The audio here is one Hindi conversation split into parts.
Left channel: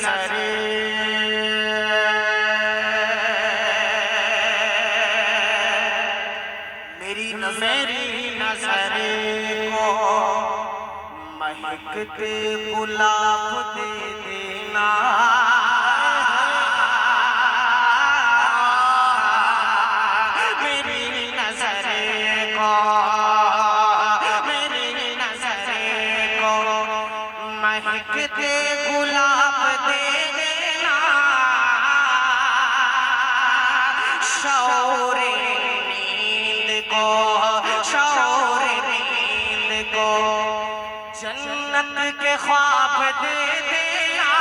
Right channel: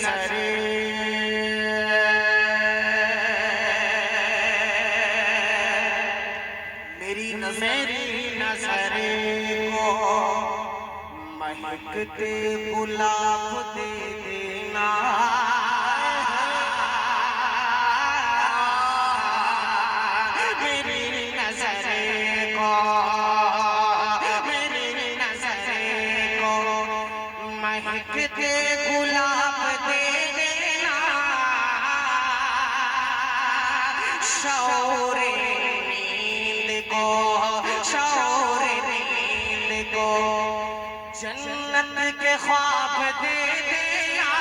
नजरे मेरी नजरे को महकते गुलाब दे देना महकते गुलाब दे देना शौरे नींद को जन्नत के ख्वाब दे देना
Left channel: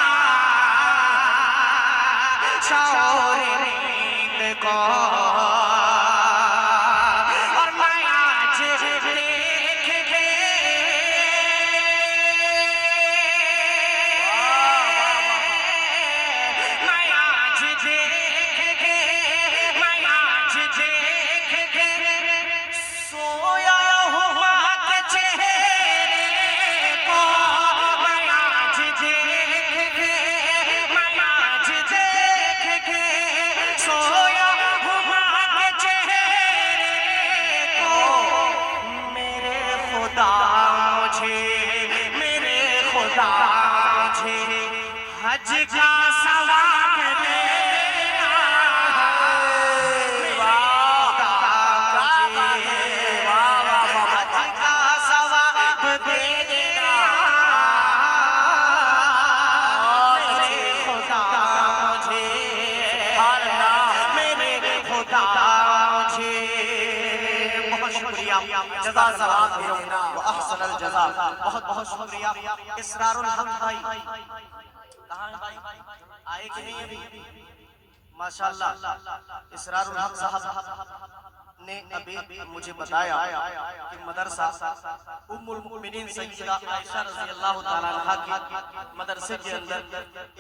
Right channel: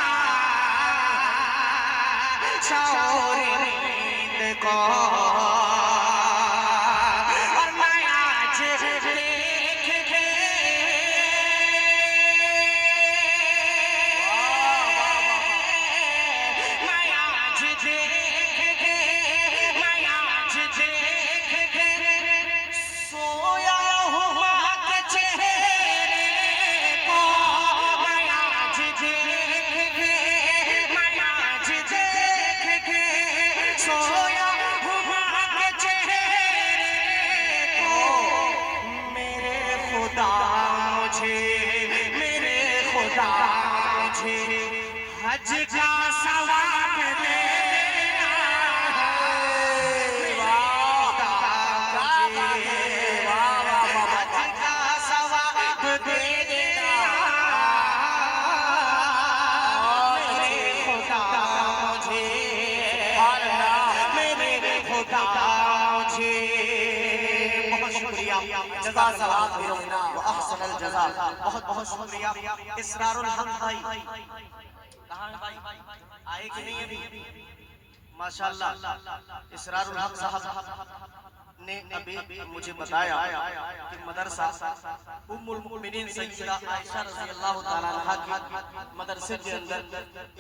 शौरे नींद को हज का सवाब दे बहुत बहुत शुक्रिया। इसरारुल हक भाई आए कि नहीं अभी? माशाअल्लाह इसरारुल हक साहब ने अभी मुझे बताया कि मदरसा उम्मुल मुमिनीन सय्यदा आयशा रज़ियल्लाहु तआला अन्हा के मदरसे के अंदर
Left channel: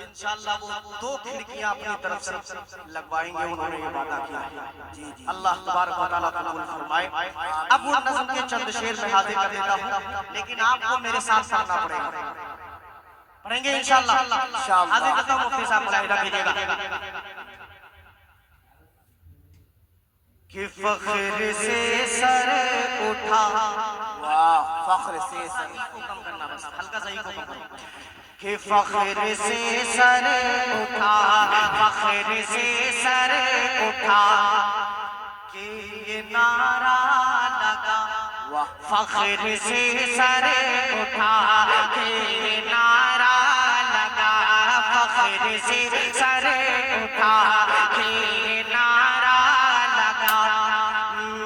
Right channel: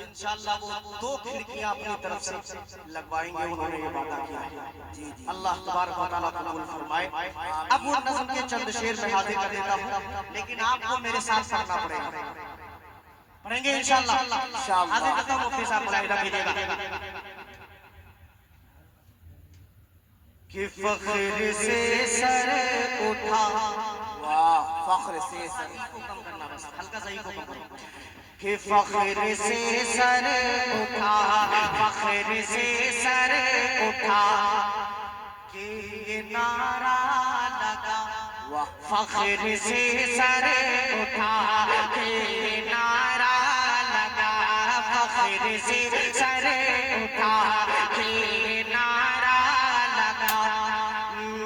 इंशाअल्लाह वो 2 खिड़कियां अपनी तरफ से लगवाएंगे। उन्होंने ये वादा किया है। अल्लाह तबारक व तआला कबूल फरमाए। अब वो नज़्म के चंद शेर में हाजिर कर देता हूं, लेकिन आपको मेरे साथ पढ़ना पड़ेगा। पढ़ेंगे इंशाअल्लाह। हाजिर करता हूं, मुफ्ती साहब मुलाहिजा कीजिएगा कि फख्र से सर उठा, वाह, फख्र से सर को कम करना, बस हल्का सा ही को कम करना, कि फख्र से सर उठा, फख्र से सर उठा कि ये नारा लगा, वाह, फख्र से सर उठा कि ये नारा लगा, फख्र से सर उठा कि ये नारा लगा,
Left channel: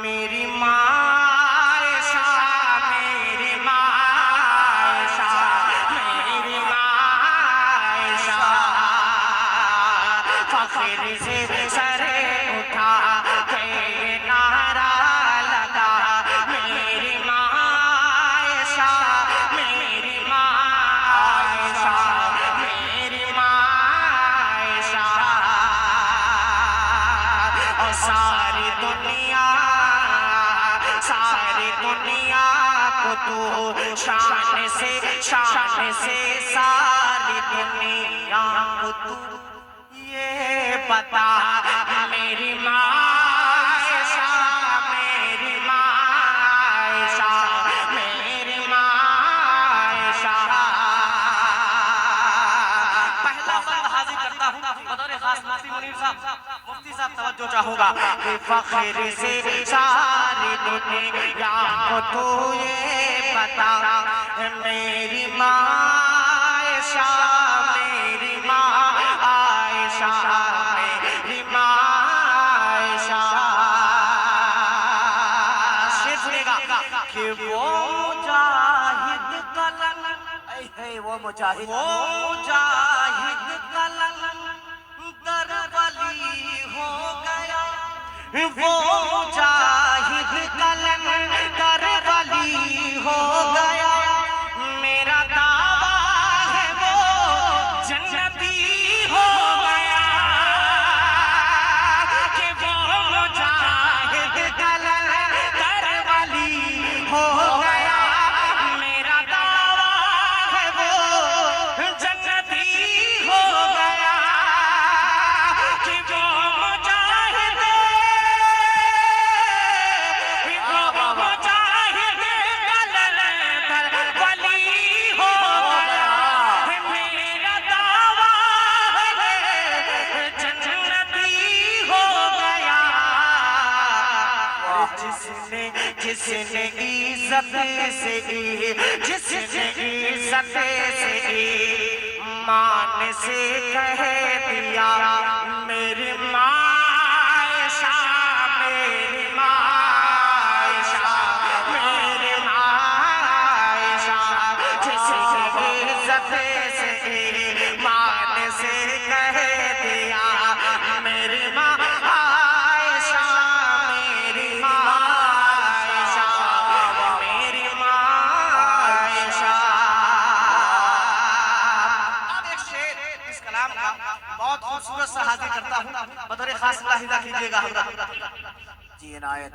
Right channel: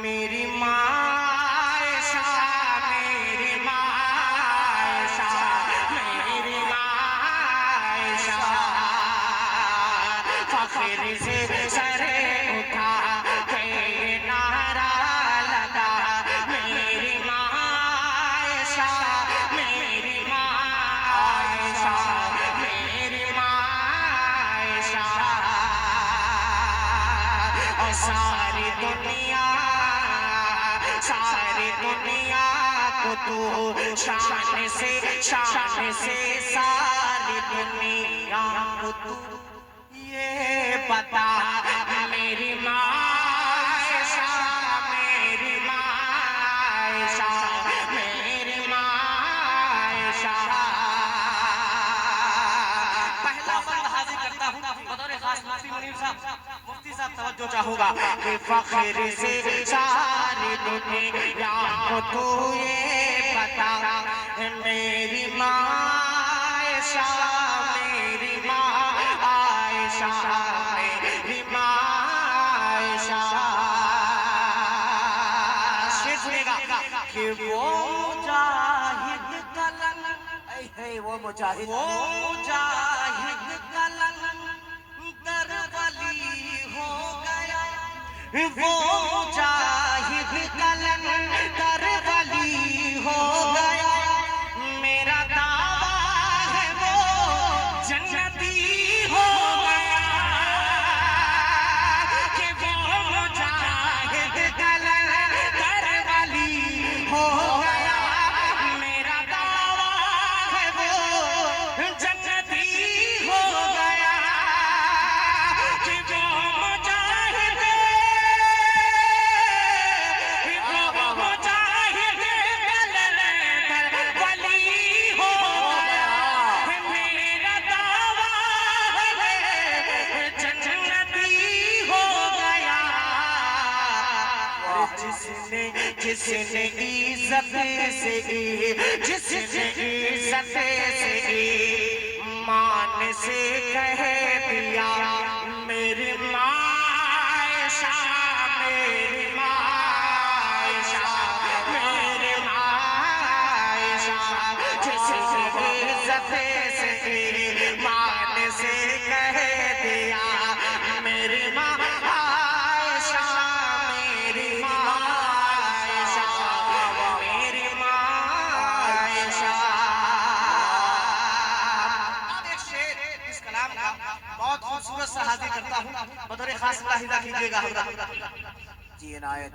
मेरी माँ आयशा, मेरी माँ आयशा, मेरी माँ आयशा, फख्र से सर उठा के नारा लगा, मेरी माँ आयशा, मेरी माँ आयशा, मेरी माँ आयशा, और सारी दुनिया को तू शान से सारी दुनिया को तू ये बता, मेरी माँ आयशा, मेरी माँ आयशा, मेरी माँ आयशा। पहला बंद हाजिर करता हूँ बतौर खास मुफ्ती मुनीर साहब, मुफ्ती साहब तवज्जो चाहूंगा कि फख्र से सारी दुनिया को तू ये बता, मेरी माँ आयशा, मेरी माँ आयशा, मेरी माँ आयशा। शेर सुनेगा कि वो मुजाहिद कलन, वो मुजाहिद कलन दरबली हो गया, वो मुजाहिद कलन दरबली हो गया, मेरा दावा है वो जन्नती हो गया, कि वो मुजाहिद कलन दरबली हो गया, मेरा दावा है वो जन्नती हो जिसने इज्जत से जिसने इज्जत से मान से कह दिया मेरी मायशा मेरी मायशा मेरी मायशा जिसने इज्जत से मान से कह दिया मेरी मायशा मेरी मायशा मेरी मायशा। अब एक शेर इस कलाम का बहुत खूबसूरत सा हाजिर करता हूँ, बतौर खास लाहिदा कीजिएगा जी इनायत।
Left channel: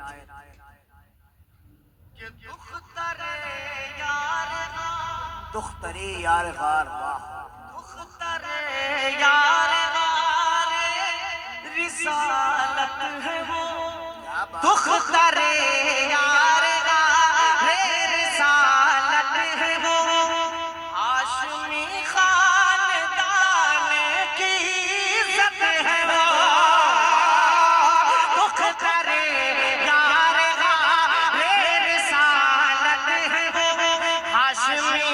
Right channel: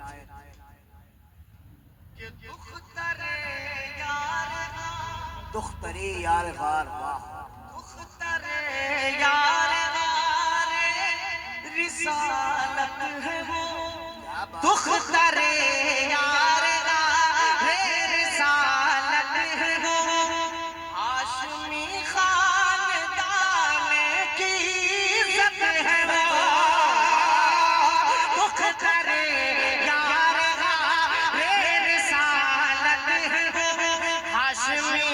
दुख तरे यार गार वाह दुख तरे यार गार रिसालत है वो दुख तरे यार गार रिसालत है वो हाशमी खानदान की इज्जत है वो दुख तरे यार गार रिसालत है वो हाशमी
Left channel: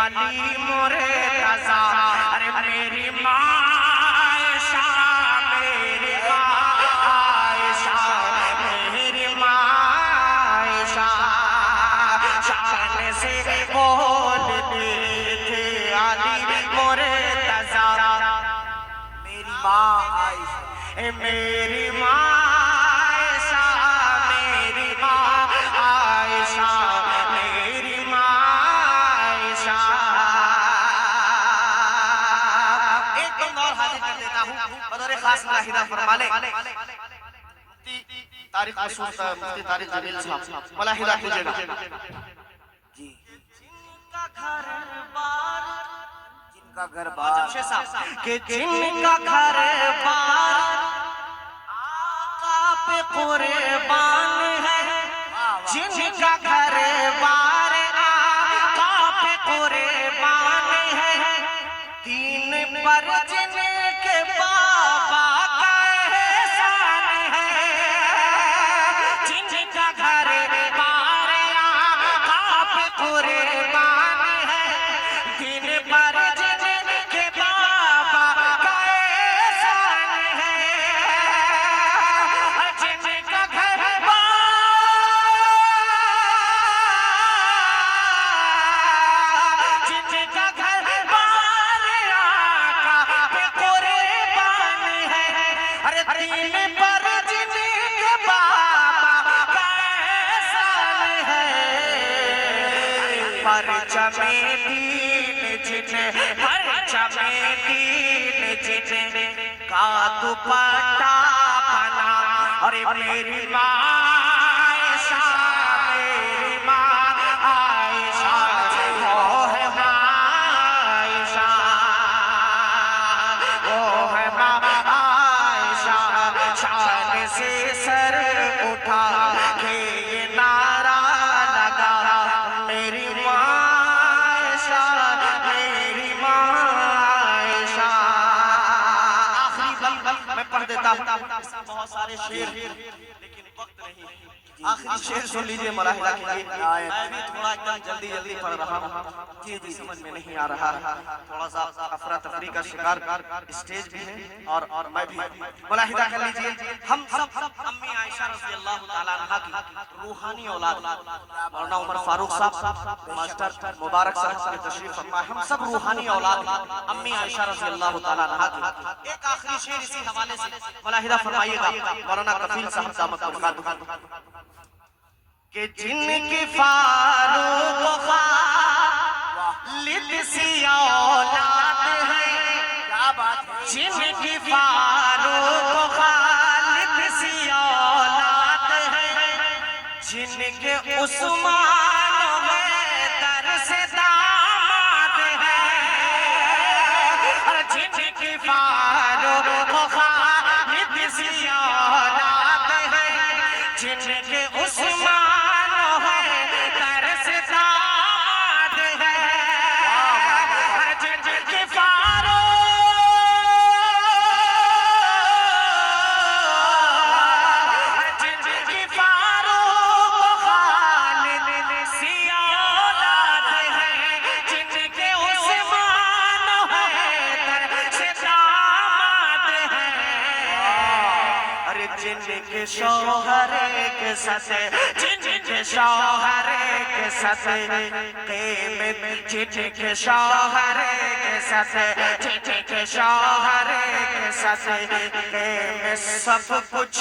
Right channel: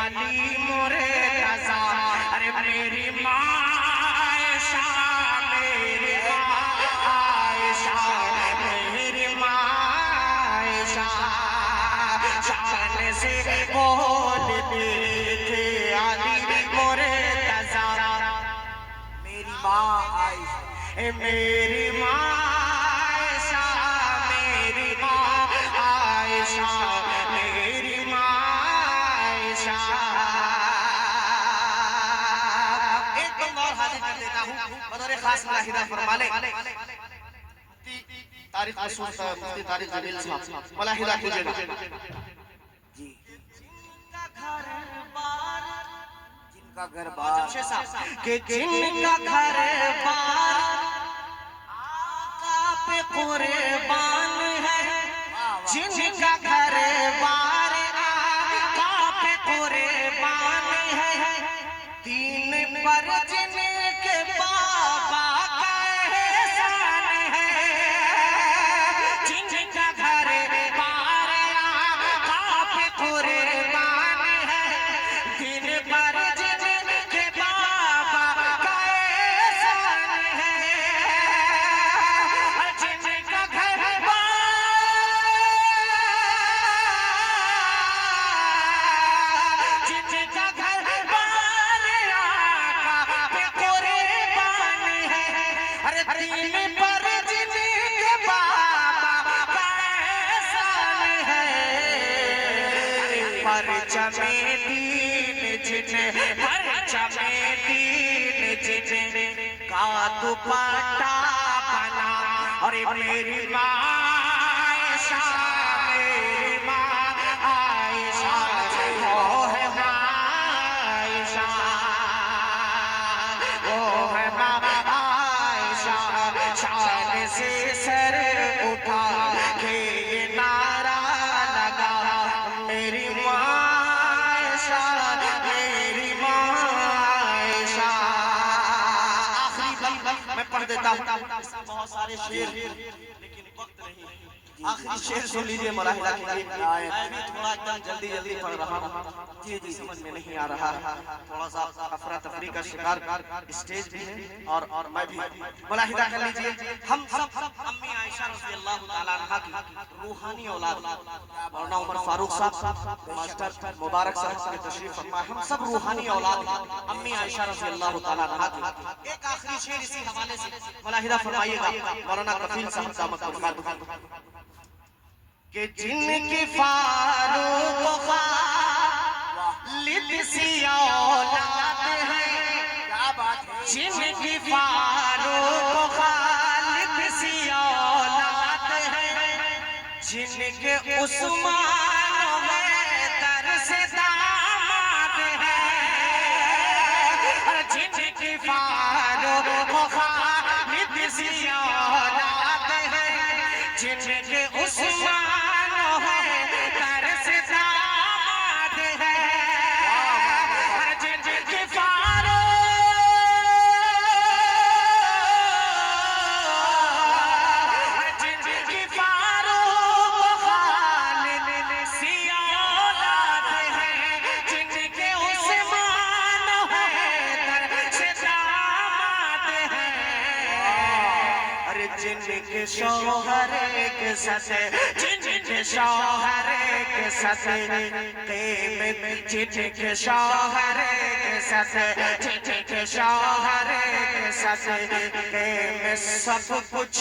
अली मोरे रज़ा अरे मेरी मायशा मेरी मायशा मेरी मायशा शान से बोलते थे अली मोरे रज़ा मेरी माँ आयशा मेरी मायशा मेरी माँ आयशा मेरी बतौर खास लाहिदा फरमा ले तारीख मशहूर मुफ्ती तारिक जमील साहब मलाहिदा कीजिएगा जी। जिनका घर बार के जिनका घर बार आका पे कुर्बान है जिनका घर बार आका पे कुर्बान है तीन पर जिनके बाबा का एहसान है जिनका घर बार आका पे कुर्बान है तीन पर जिनके बाबा का एहसान है जिनका घर जिनका घर अरे तीन पर जिनके बाबा का एहसान है परचमे दीन जिने परचमे दीन जिने का दुपट्टा बना अरे मेरी मायशा मेरी माँ आयशा वो है मायशा वो है माँ से सर उठा के ये नारा लगा मेरी मायशा मेरी मायशा। आखिरी बंद मैं पढ़ देता हूँ, बहुत सारे शेर लेकिन वक्त नहीं, आखिरी शेर सुन लीजिए मलाहिदा कीजिए। मैं भी थोड़ा एकदम जल्दी जल्दी पढ़ रहा हूँ जी जी समझ में नहीं आ रहा है, थोड़ा सा अफरा तफरी का शिकार स्टेज भी है और मैं भी मलाहिदा कर लीजिए। हम सब अम्मी आयशा रज़ी अल्लाह ताला अन्हा की रूहानी औलाद मौलाना उमर फारूक साहब मास्टर मुबारक साहब की तशरीफ फरमा, हम सब रूहानी औलाद अम्मी आयशा रज़ी अल्लाह ताला अन्हा की। एक आखिरी शेर इसी हवाले से मलाहिदा फरमाइएगा मौलाना कफील साहब दामत बरकातहू कि जिनकी फारूक खालिद सी औलाद है जिनकी फारूक जिनके उस्मान है दर से दामाद है, जिनकी फारूक खालिद सी औलाद है, जिनके उस्मान है दर से दामाद है, जिनकी जिनके शौहर के ससे, जिनके शौहर के ससे क़ीमत, जिनके शौहर के ससे, जिनके शौहर के ससे क़ीमत सब कुछ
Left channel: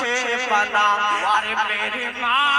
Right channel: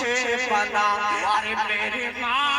बना। अरे मेरी माँ